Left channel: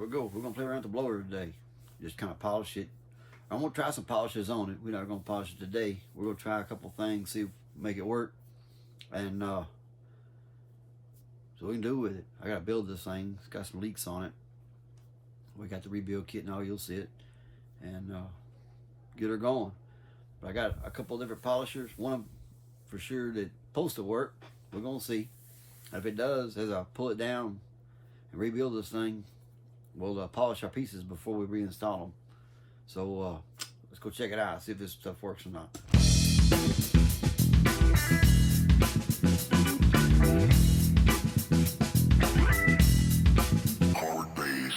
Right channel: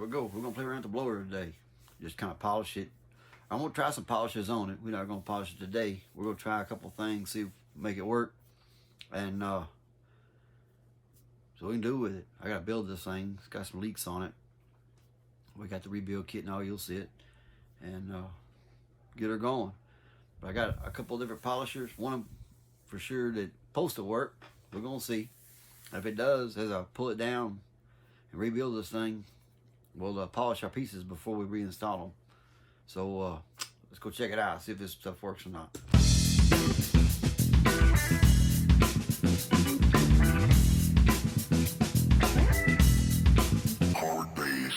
we're gonna play around with the blower today. Just kind of polish it. I'm gonna try some polishes on it. We're not gonna polish it today. We're gonna try a couple things, see if make it work, and so we can do with it. I gotta build this thing. It's got some leaks on it. We got the rebuild kit and all. You'll see it, and get her going. But I got a couple different polishers. One of them for sure that's supposed to work. We're gonna see. If it does, as I pull it down and rebuild this thing, we'll polish our pieces before we reinstall them. So let's go check it out, see if this stuff works or not. Hard bass.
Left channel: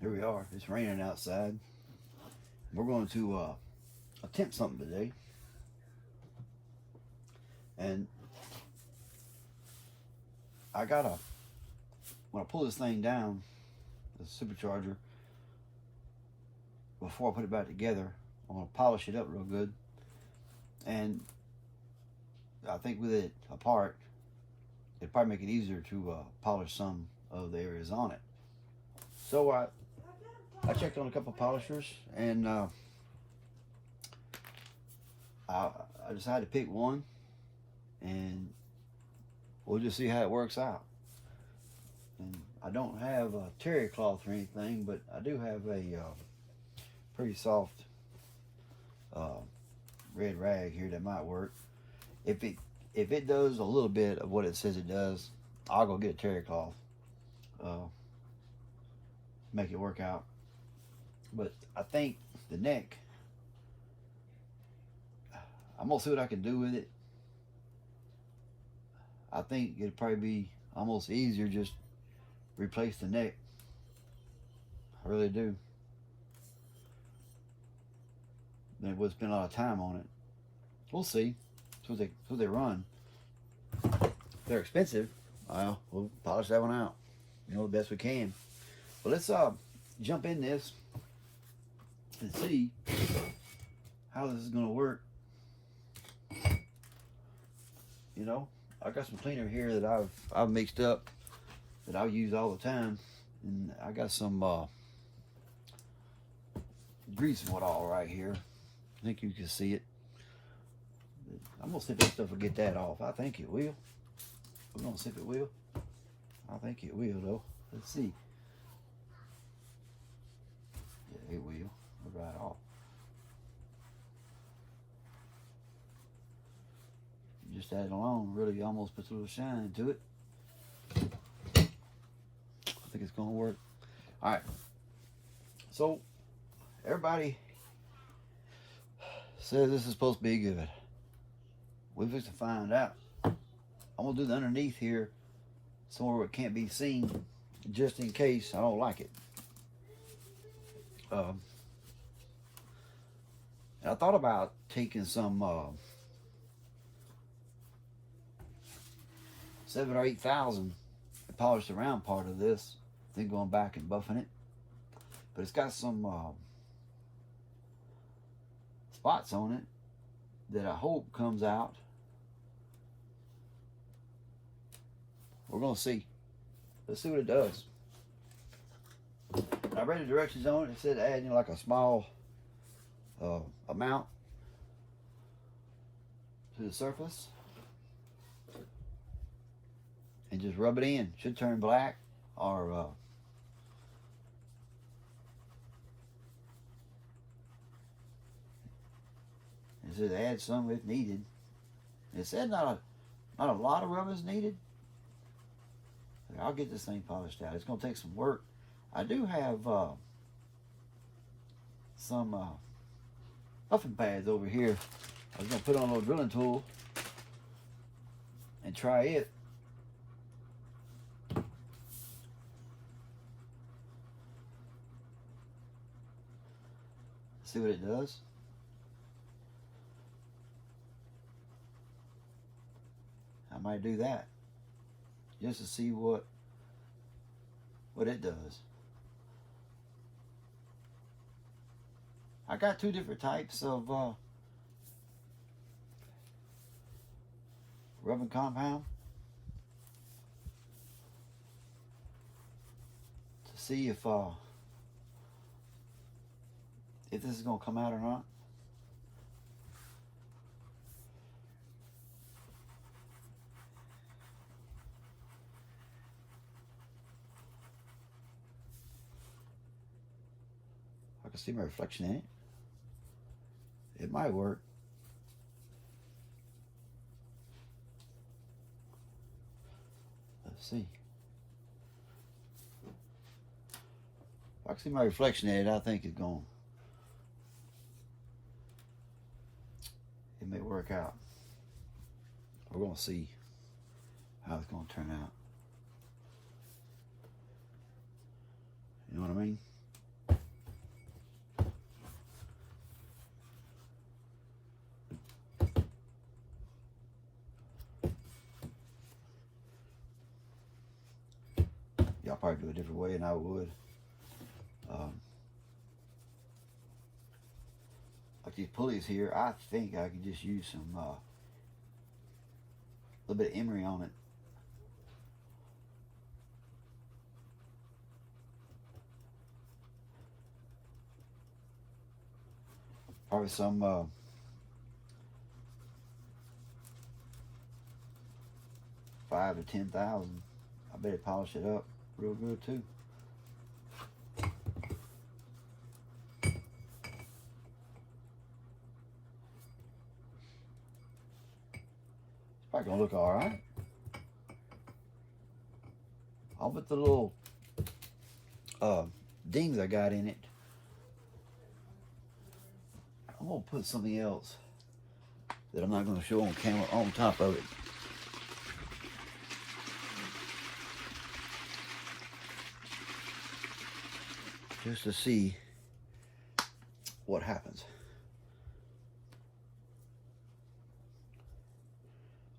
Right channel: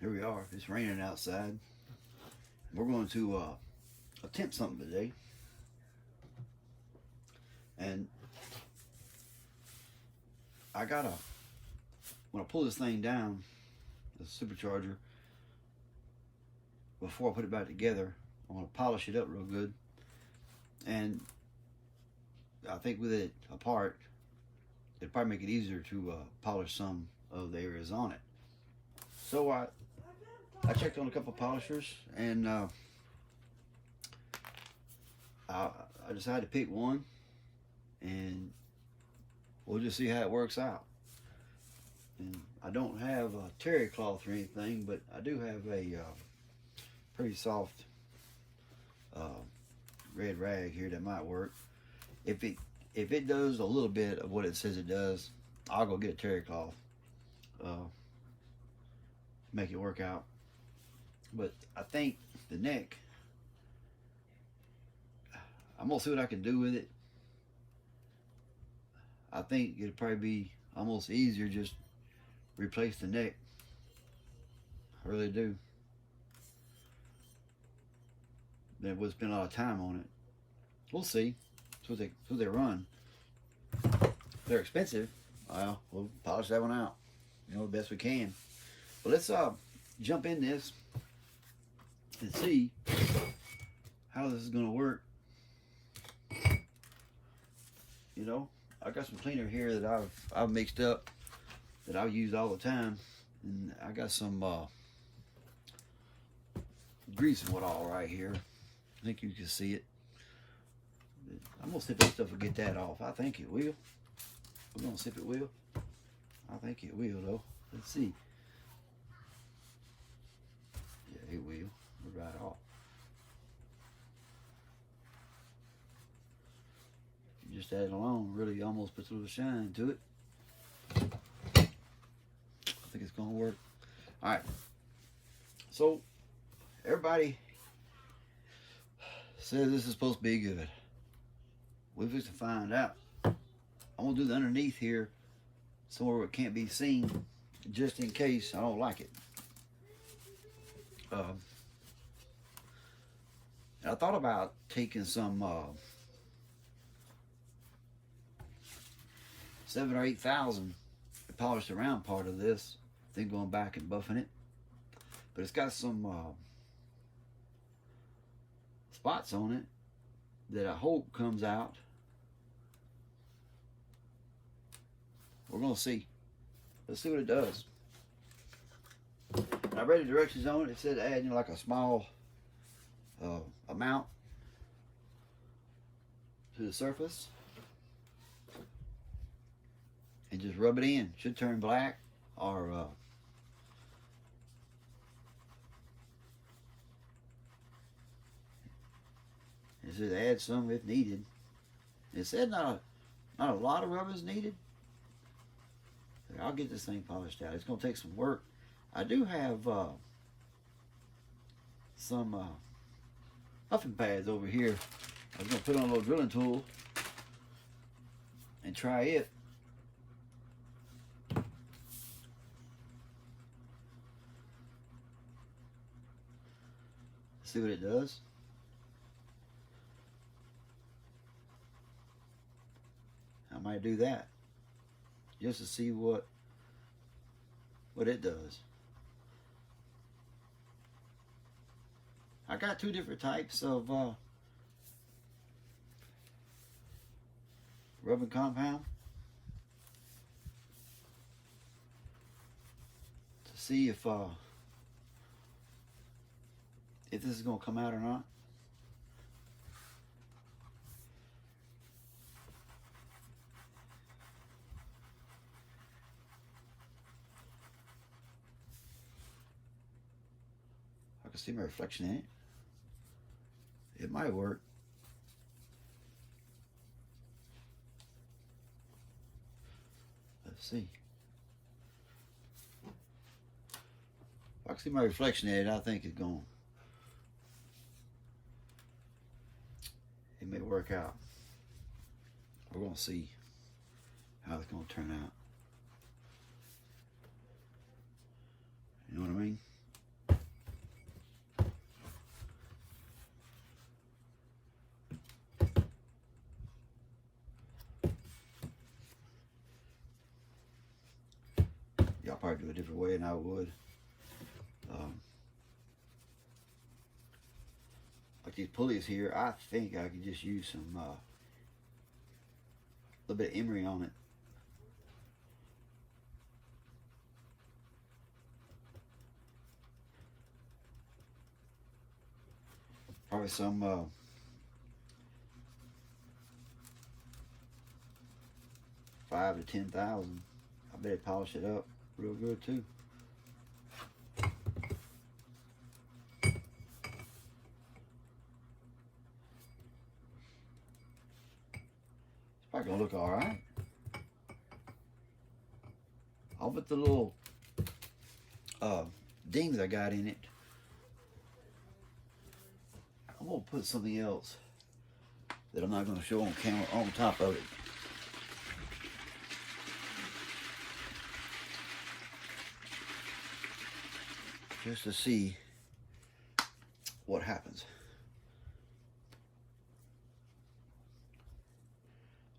Here we are. It's raining outside. We're going to attempt something today. And I gotta, when I pull this thing down, the supercharger, before I put it back together, I want to polish it up real good. And I think with it apart, it'd probably make it easier to polish some of the areas on it. So I checked on a couple polishers, and I decided to pick one, and we'll just see how it works out. And I don't have a terry cloth or anything, but I do have a pretty soft red rag here that might work. If it does a little bit of what it says it does, I'll go get a terry cloth, make it work out. But I think the neck, I'm gonna see what I can do with it. I think it'd probably be almost easier just replace the neck. I really do. Then it would spend a lot of time on it. We'll see. That's what they run. They're expensive. Well, we'll polish that one out, the best we can. But let's jump in this and see how this is gonna work. I got some cleaner here that I've mixed up that I'll use all the time, and I got some grease and what all right here. I think you can see it. I'm gonna see if this stuff will get that off. I think it will. We're gonna see if it will. I think it will though. Let's see. Yeah, it will. Right off. Just that alone really almost puts a little shine into it. I think it's gonna work. All right. So everybody says this is supposed to be good. We're just to find out. I'm gonna do the underneath here somewhere where it can't be seen, just in case I don't like it. I thought about taking some 7,000 or 8,000 to polish the round part of this, then going back and buffing it. But it's got some spots on it that I hope comes out. We're gonna see. Let's see what it does. I read the directions on it. It said add like a small amount to the surface and just rub it in. Should turn black, or it says add some if needed. It said not a lot of rub is needed. I'll get this thing polished out. It's gonna take some work. I do have some huffing pads over here. I was gonna put on a little drilling tool and try it. See what it does. I might do that just to see what it does. I got two different types of rubbing compound. see if this is gonna come out or not. I can see my reflection in it. It might work. Let's see. If I can see my reflection in it, I think it's going. It may work out. We're gonna see how it's gonna turn out. You know what I mean? Y'all probably do it a different way than I would. Like these pulleys here, I think I could just use some little bit of emery on it. Probably some $5,000 to $10,000. I bet it polish it up real good too. It's probably gonna look all right. I'll put the little dings I got in it. I'm gonna put something else that I'm not gonna show on camera on top of it. Just to see what happens.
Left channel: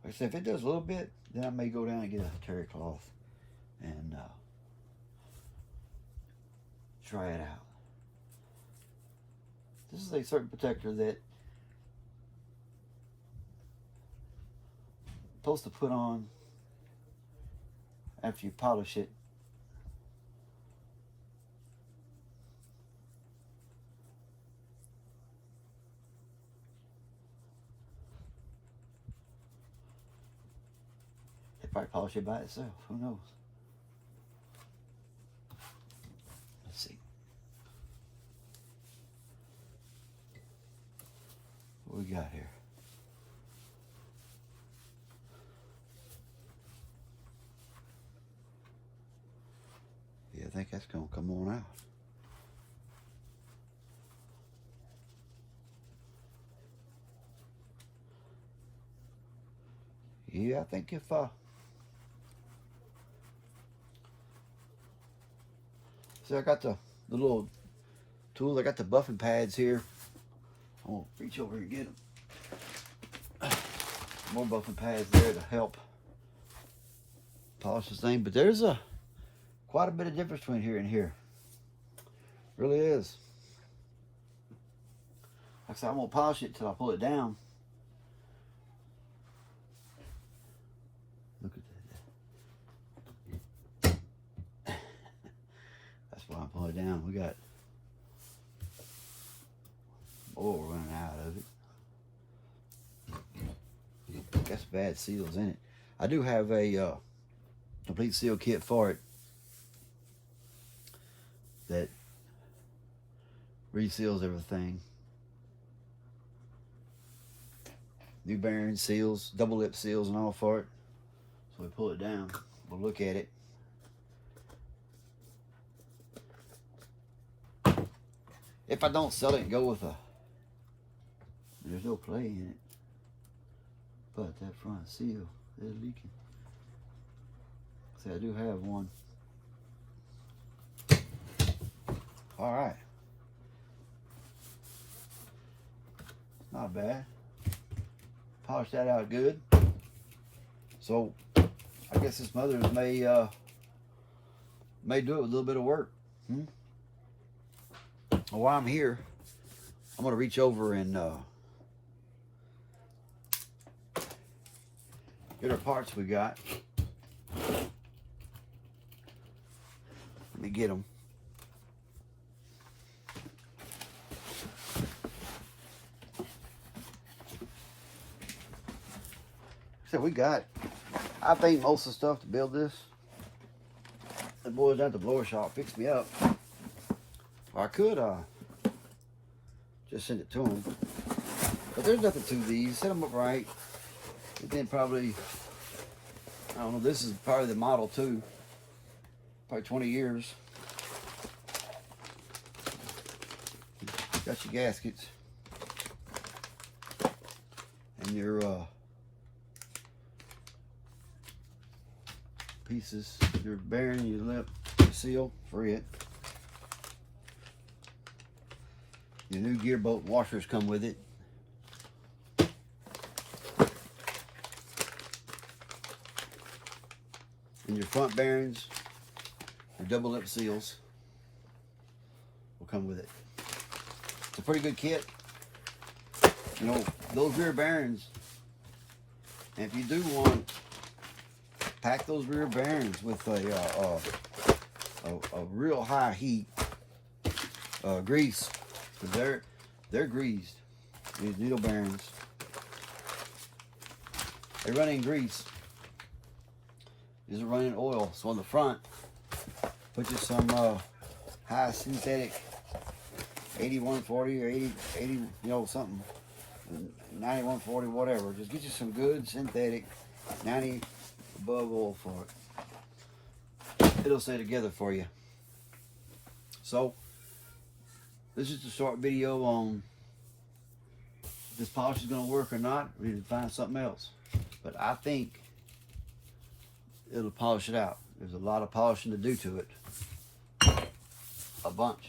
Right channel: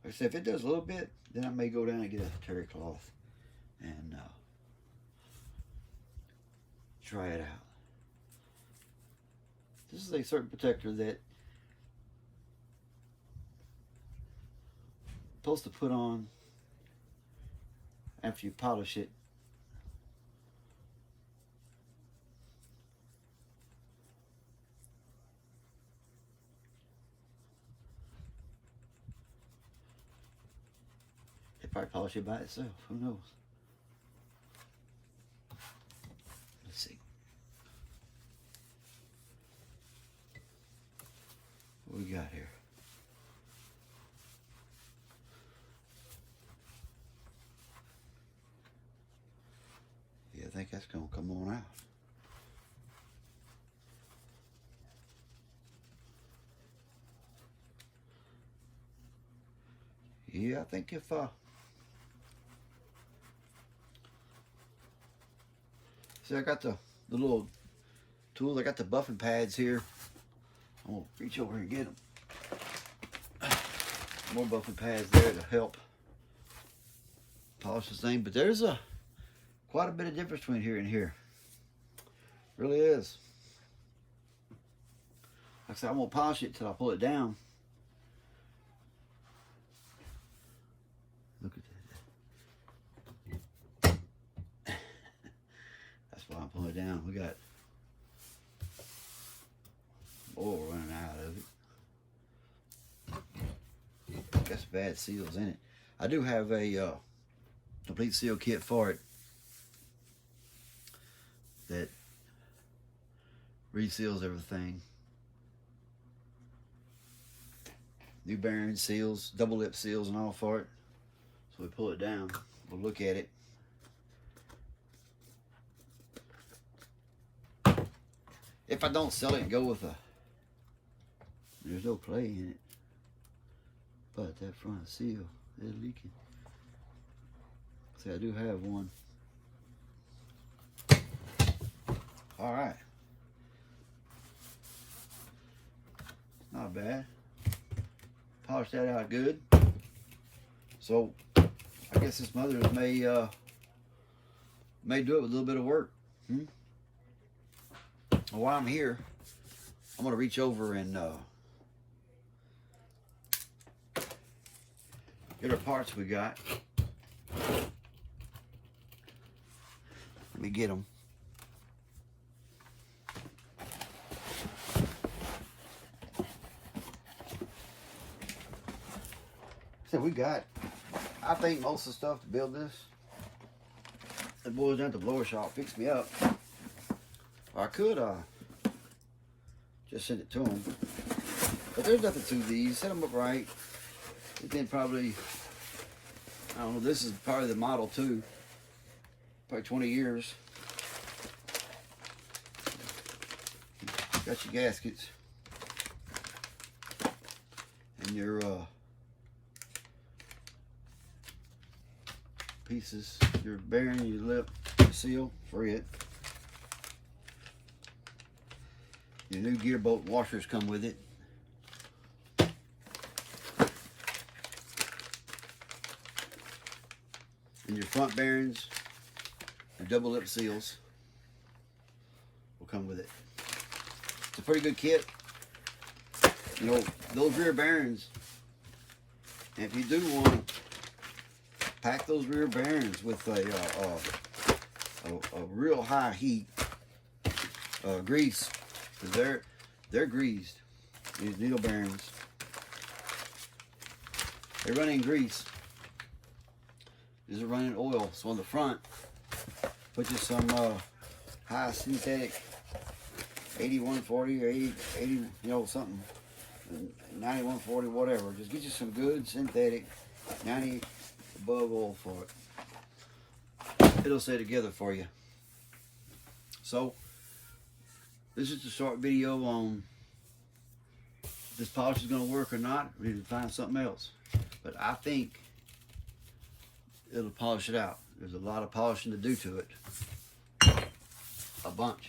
Like I said, if it does a little bit, then I may go down and get a terry cloth and try it out. This is a certain protector that you're supposed to put on after you polish it. They probably polish it by itself. Who knows? Let's see. What we got here? Yeah, I think that's gonna come on out. Yeah, I think if see, I got the little tools. I got the buffing pads here. I'm gonna reach over and get them. More buffing pads there to help polish this thing. But there's quite a bit of difference between here and here. Really is. Like I said, I'm gonna polish it till I pull it down. Look at that. That's why I'm pulling it down. We got oil running out of it. Got some bad seals in it. I do have a complete seal kit for it that reseals everything. New bearing seals, double lip seals and all for it. So we pull it down, we'll look at it. If I don't sell it and go with there's no clay in it, but that front seal is leaking. See, I do have one. All right. Not bad. Polish that out good. So I guess this mother may do it with a little bit of work. Well, while I'm here, I'm gonna reach over and get our parts we got. Let me get them. So I paid most of the stuff to build this. The boys down at the blower shop fixed me up. Or I could just send it to them. But there's nothing to these. Set them up right. Again, probably, I don't know, this is probably the Model 2. Probably 20 years. Got your gaskets. And your pieces, your bearing, your lip, your seal for it. Your new gear bolt washers come with it. And your front bearings, your double lip seals will come with it. It's a pretty good kit. You know, those rear bearings, and if you do want to pack those rear bearings with a real high heat grease, because they're greased. These needle bearings, they're running grease. These are running oil. So on the front, put you some high synthetic 8140 or 80, you know, something. 9140, whatever. Just get you some good synthetic 90 above oil for it. It'll stay together for you. So this is a short video on if this polish is going to work or not. We need to find something else. But I think it'll polish it out. There's a lot of polishing to do to it. A bunch.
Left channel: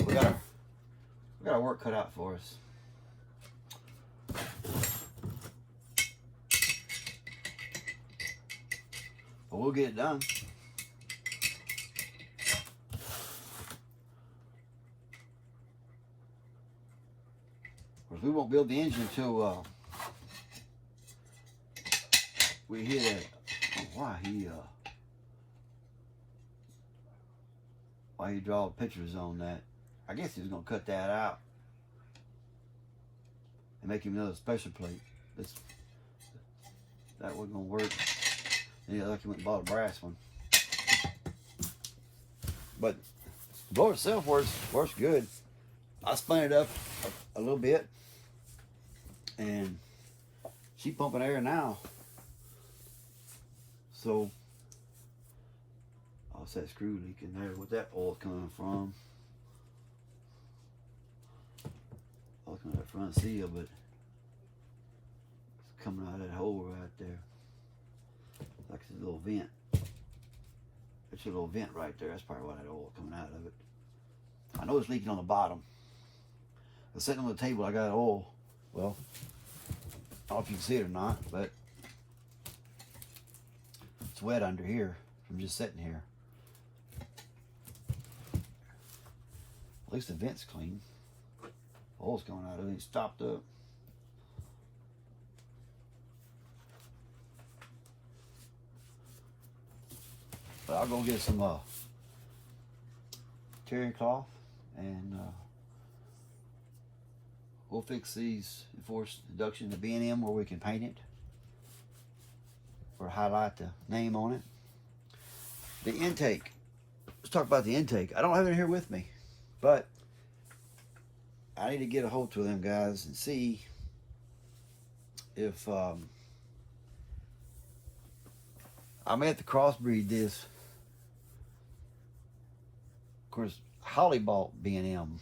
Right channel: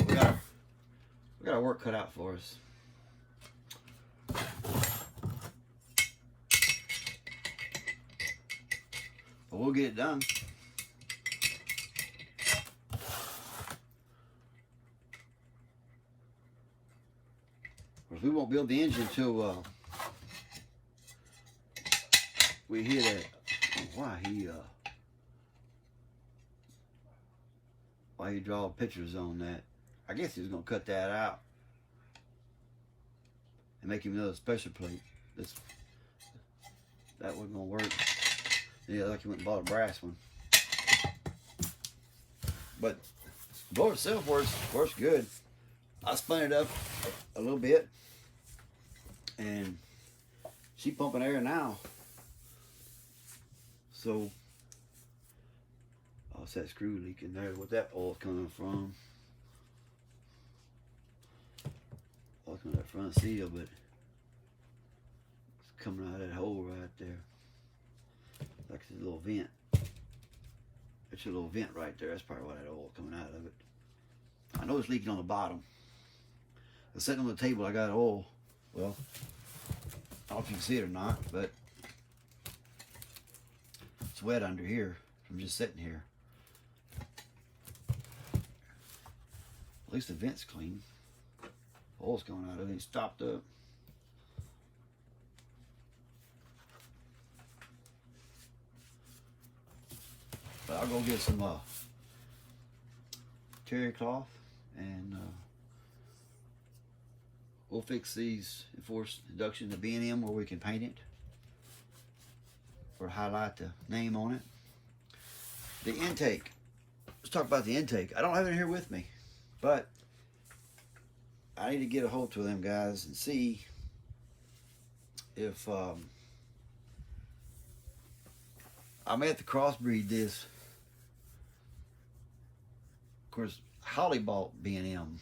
We got our work cut out for us. But we'll get it done. We won't build the engine until we hit it. Why he draw pictures on that? I guess he was gonna cut that out and make him another special plate. That wasn't gonna work. Yeah, like he went and bought a brass one. But the blower itself works good. I spun it up a little bit, and she's pumping air now. So, oh, it's that screw leaking there. What that oil's coming from? Oh, it's coming out that front seal, but it's coming out of that hole right there. Like it's a little vent. It's a little vent right there. That's probably why that oil coming out of it. I know it's leaking on the bottom. I'm sitting on the table, I got oil. Well, I don't know if you can see it or not, but it's wet under here from just sitting here. At least the vent's clean. Oil's going out, everything's stopped up. But I'll go get some terry cloth and we'll fix these enforced induction to B&M where we can paint it or highlight the name on it. The intake. Let's talk about the intake. I don't have it here with me, but I need to get a hold to them guys and see if I may have to crossbreed this. Of course, Holly bought B&M,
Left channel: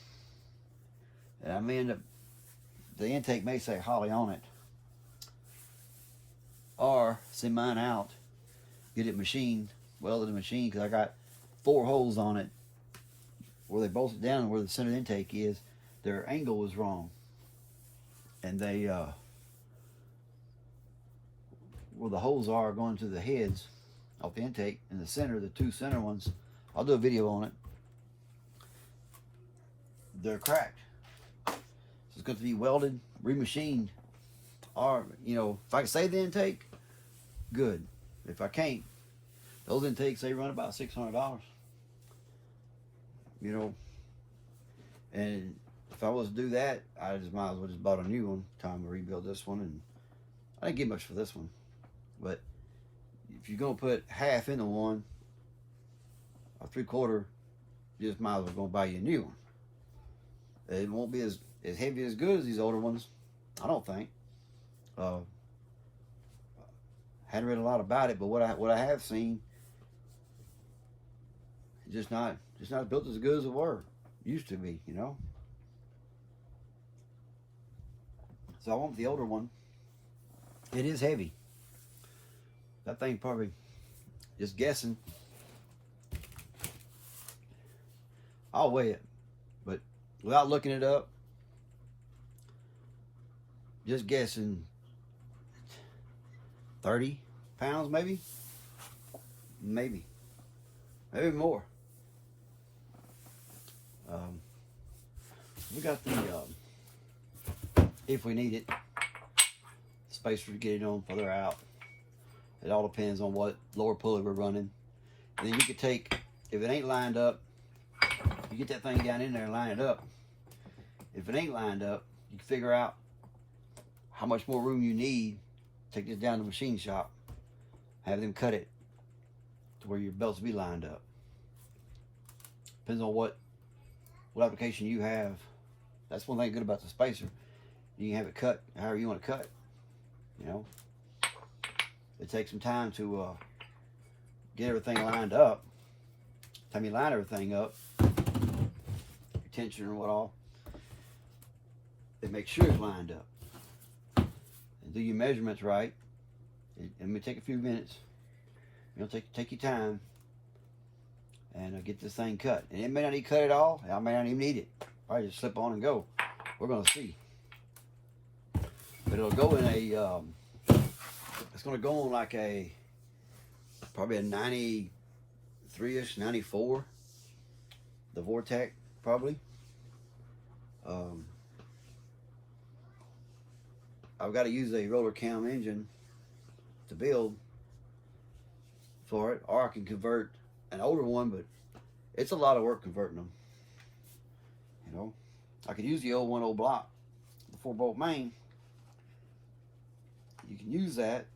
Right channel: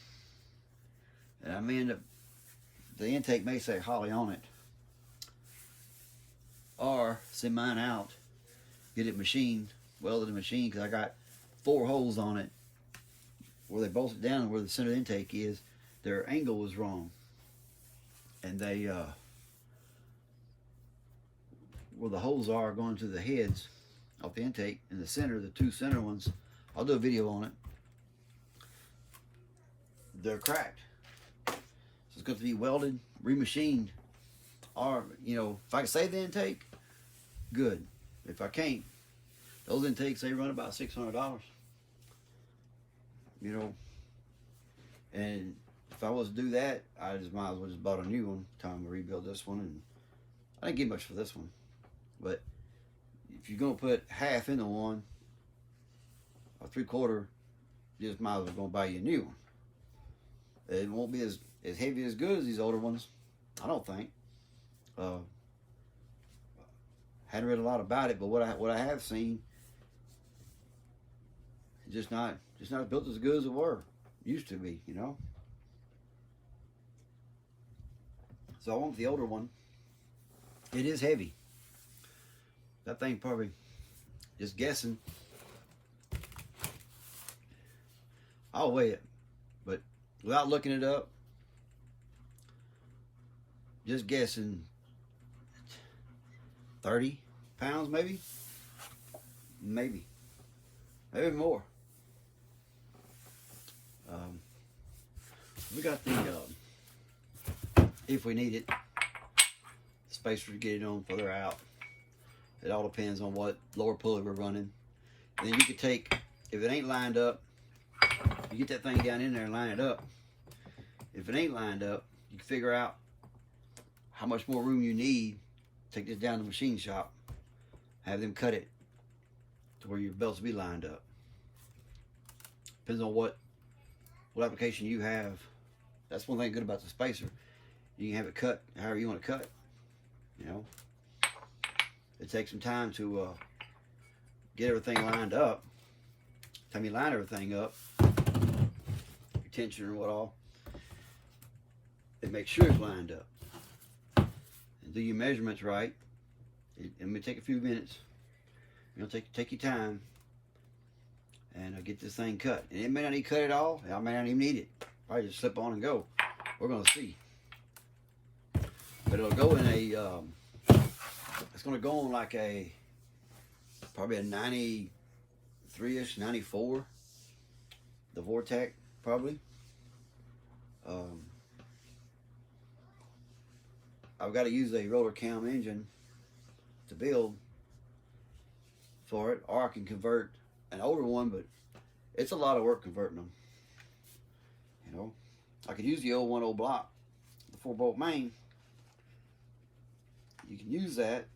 and I may end up, the intake may say Holly on it, or send mine out, get it machined, welded and machined, because I got 4 holes on it where they bolted down and where the center intake is. Their angle was wrong, and they where the holes are going to the heads off the intake in the center, the 2 center ones, I'll do a video on it. They're cracked. So it's going to be welded, remachined, or, you know, if I can save the intake, good. If I can't, those intakes, they run about $600. you know. And if I was to do that, I just might as well just bought a new one. Time to rebuild this one, and I didn't get much for this one. But if you're gonna put half into one, or 3/4, you just might as well go buy you a new one. It won't be as heavy as good as these older ones, I don't think. Hadn't read a lot about it, but what I have seen, just not built as good as it were. Used to be, you know. So I want the older one. It is heavy. That thing probably, just guessing, I'll weigh it, but without looking it up, just guessing 30 pounds, maybe more. We got the if we need it, spacer to get it on further out. It all depends on what lower pulley we're running. And then you could take, if it ain't lined up, you get that thing down in there and line it up. If it ain't lined up, you can figure out how much more room you need. Take this down to the machine shop, have them cut it to where your belts will be lined up. Depends on what application you have. That's one thing good about the spacer. You can have it cut however you want to cut it. You know, it takes some time to get everything lined up. By the time you line everything up, your tension or what all, it makes sure it's lined up. And do your measurements right. It may take a few minutes. You know, take your time and get this thing cut. And it may not need cut at all. I may not even need it. Probably just slip on and go. We're gonna see. But it'll go in a. It's gonna go on like a probably a 93-ish, 94. The Vortec probably. I've got to use a roller cam engine to build for it, or I can convert an older one, but it's a lot of work converting them. You know, I could use the old 1.0 block, the 4-bolt main. You can use that.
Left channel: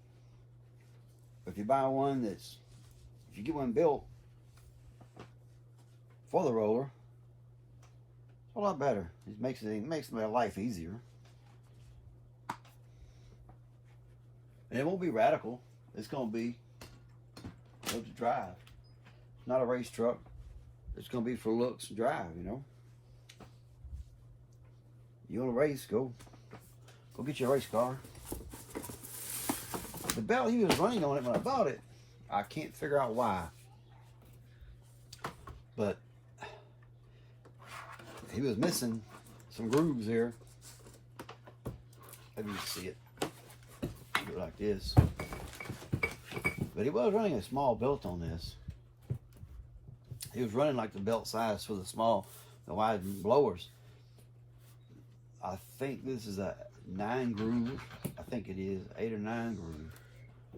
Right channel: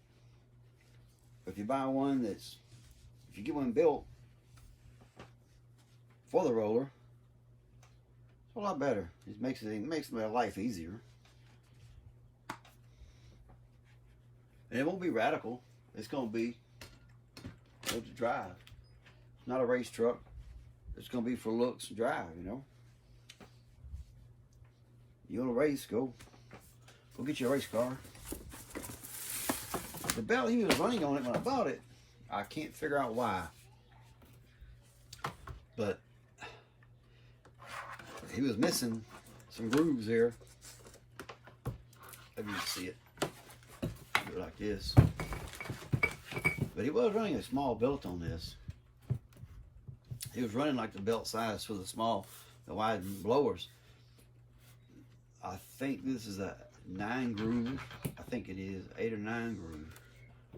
If you buy one if you get one built for the roller, it's a lot better. It makes my life easier. And it won't be radical. It's gonna be able to drive. It's not a race truck. It's gonna be for looks and drive, you know. You want to race, go get your race car. The belt he was running on it when I bought it, I can't figure out why. But he was missing some grooves there. Let me see it. Do it like this. But he was running a small belt on this. He was running like the belt size for the wide blowers. I think this is a 9 groove. I think it is 8 or 9 groove,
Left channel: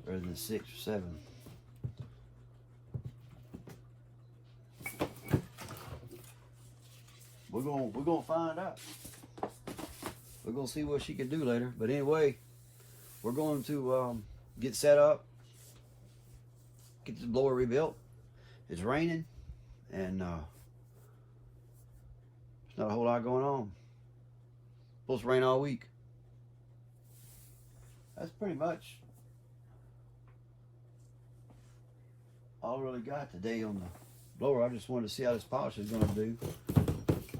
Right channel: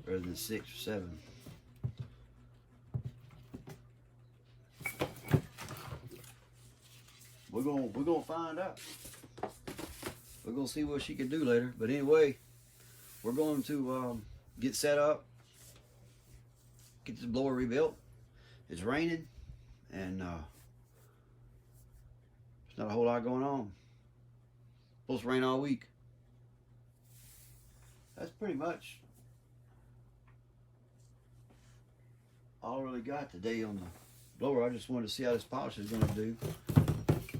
rather than 6 or 7. We're gonna find out. We're gonna see what she can do later. But anyway, we're going to get set up, get this blower rebuilt. It's raining, and there's not a whole lot going on. Supposed to rain all week. That's pretty much all I really got today on the blower. I just wanted to see how this polish is going to do.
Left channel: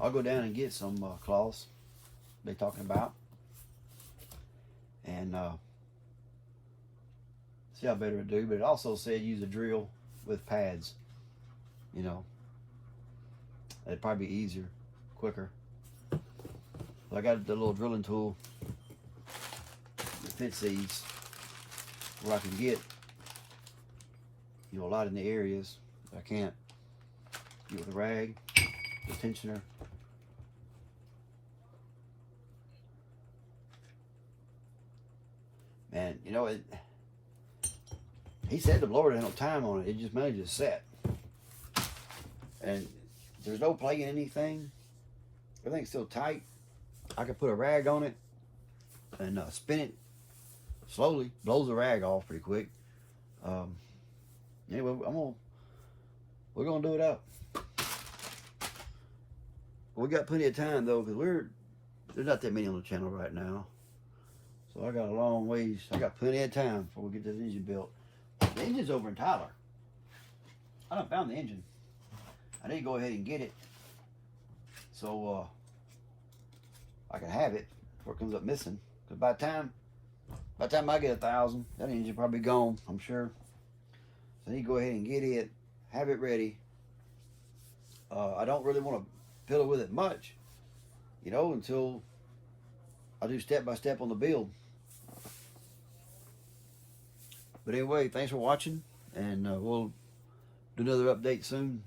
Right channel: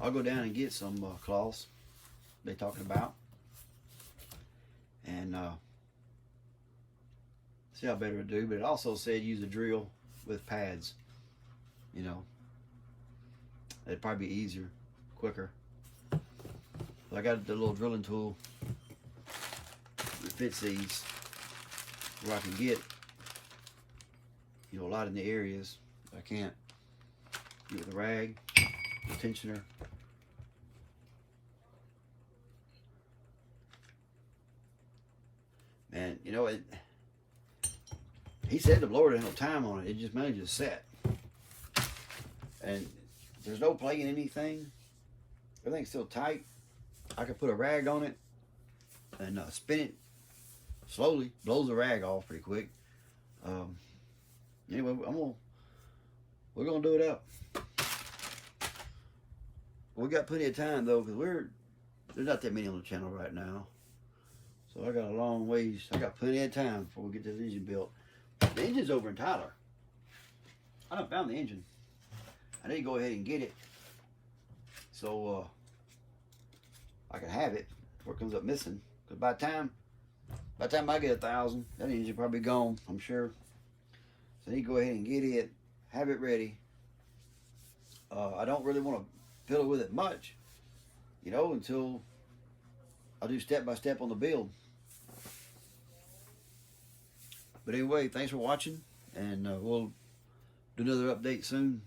I'll go down and get some cloths they're talking about, and see how better it do. But it also said use a drill with pads. You know, it'd probably be easier, quicker. I got the little drilling tool that fits these, where I can get, you know, a lot in the areas I can't get with a rag, the tensioner. Man, you know, he said the blower didn't have time on it. It just mainly just set. And there's no play in anything. Everything's still tight. I can put a rag on it and spin it slowly. Blows the rag off pretty quick. Anyway, we're gonna do it up. We got plenty of time though, because there's not that many on the channel right now. So I got a long ways. I got plenty of time before we get this engine built. The engine's over in Tyler. I done found the engine. I need to go ahead and get it so I can have it before it comes up missing. Because by the time I get 1,000, that engine probably gone, I'm sure. So I need to go ahead and get it, have it ready. I don't really want to fiddle with it much, you know, until I do step by step on the build. But anyway, thanks for watching, and we'll do another update soon,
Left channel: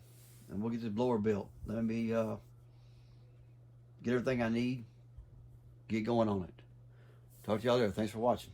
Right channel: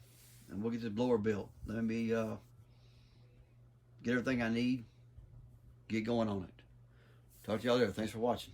and we'll get this blower built. Let me get everything I need, get going on it. Talk to y'all later. Thanks for watching.